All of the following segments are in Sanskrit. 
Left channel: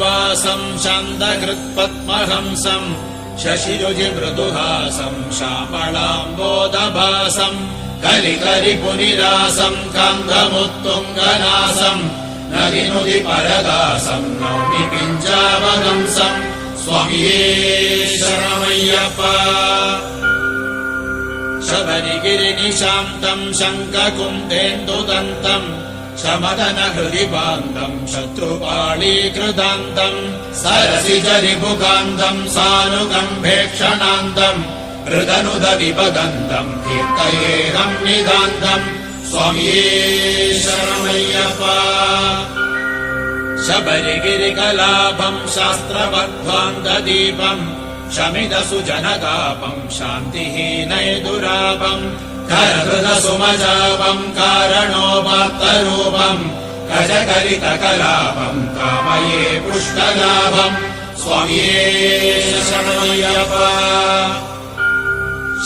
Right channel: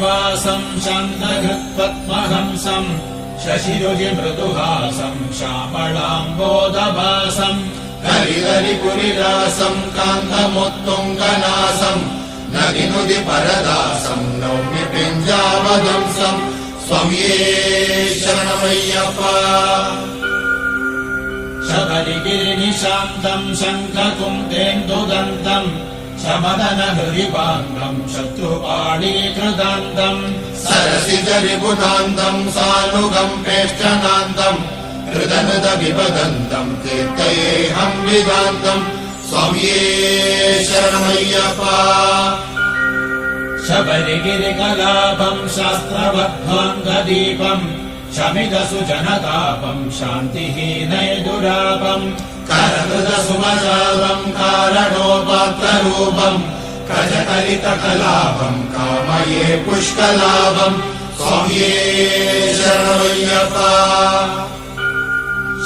श्रीनिवासम् शान्तहृत्पद्महंसम् शशिरुचि मृदुहासम् श्यामलाम्बोदभासम् कलिकरिपुनिरासम् कान्धमुत्तुङ्गनासम् नगिनुदि परदासम् नौमि पिञ्जामदंसम् स्वामिये शरणमय्यप्पा। शबरिगिरिनिशान्तम् शङ्खकुन्देन्दुदन्तम् शमदनहृदिपान्तम् शत्रुपाणीकृतान्तम् सरसिजरिभुतान्तम् सानुगम्भेक्षणान्तम् हृदनुदविपदन्तम् कीर्तयेऽहम् नितान्तम् स्वामिये शरणमय्यप्पा। शबरिगिरिकलापम् शास्त्रबद्धान्तदीपम् शमिदसुजनतापम् शान्तिहीनैदुरापम् करहृदसुमजापम् कारणोपात्तरूपम् गजकलितकलापम् कामये पुष्कलापम् स्वामिये शरणमय्यप्पा।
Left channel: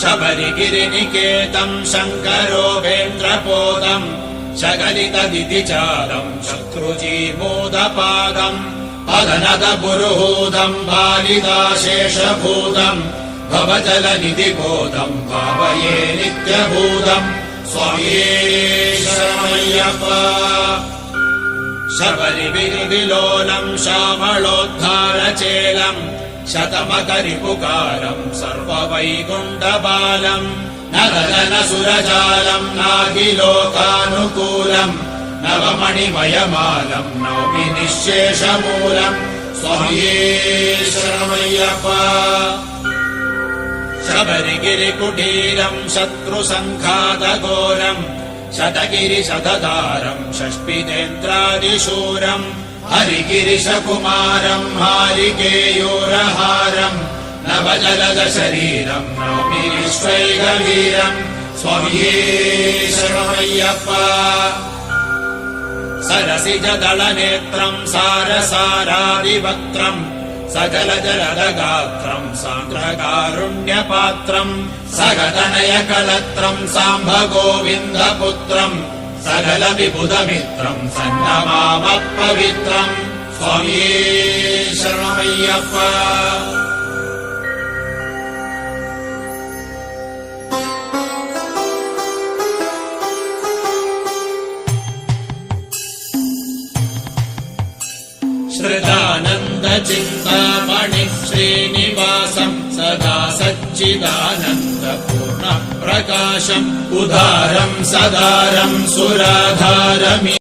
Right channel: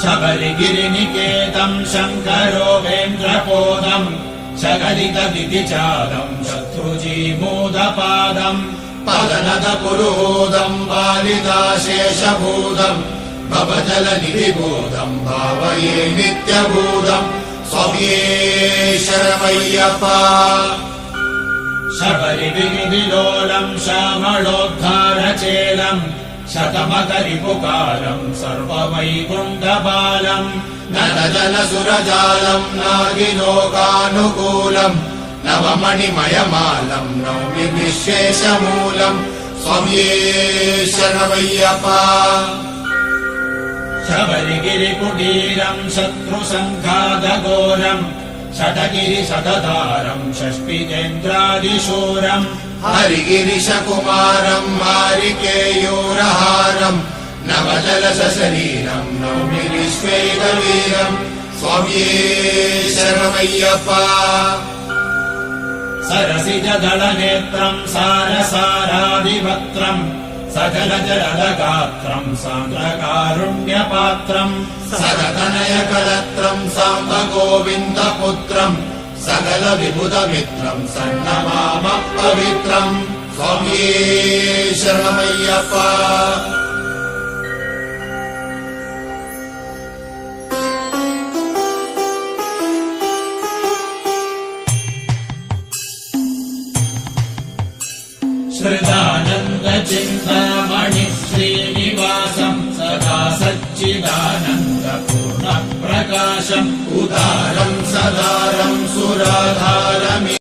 शबरिगिरिनिकेतम् शङ्करोपेन्द्रपोदम् शकलितदितिचारम् शत्रुजीमूदपादम् पदनदपुरुहूदम् बालिदाशेषभूतम् भवजलनिधिबोधम् भावये नित्यभूतम् स्वामिये शरणमय्यप्पा। शबरिविहृदिलोलम् श्यामलोद्धारचेलम् शतमकरिपुकारम् सर्ववैकुण्ठपालम् नरजनसुरजालम् नागिलोकानुकूलम् नवमणिमयमालम् नौमि निःशेषमूलम् स्वामिये शरणमय्यप्पा। शबरिगिरिकुटीरम् शत्रुसङ्घातघोरम् शतगिरिशतधारम् षष्टिनेन्द्रादिशूरम् हरिगिरिशकुमारम् हारिकेयूरहारम् नवजलजशरीरम् नौमि विश्वैकवीरम् स्वामिये शरणमय्यप्पा। सरसिजदलनेत्रम् सारसारादिवक्त्रम् सकलजलदगात्रम् सान्द्रकारुण्यपात्रम् सकतनयकलत्रम् साम्बगोविन्दपुत्रम् सकलविबुधमित्रम् सन्नमामपवित्रम् स्वामिये शरणमय्यप्पा। श्रिदानन्दचिन्तामणिः श्रीनिवासम् सदा सच्चिदानन्दपूर्णप्रकाशम् उदारम् सदारम् सुराधारमि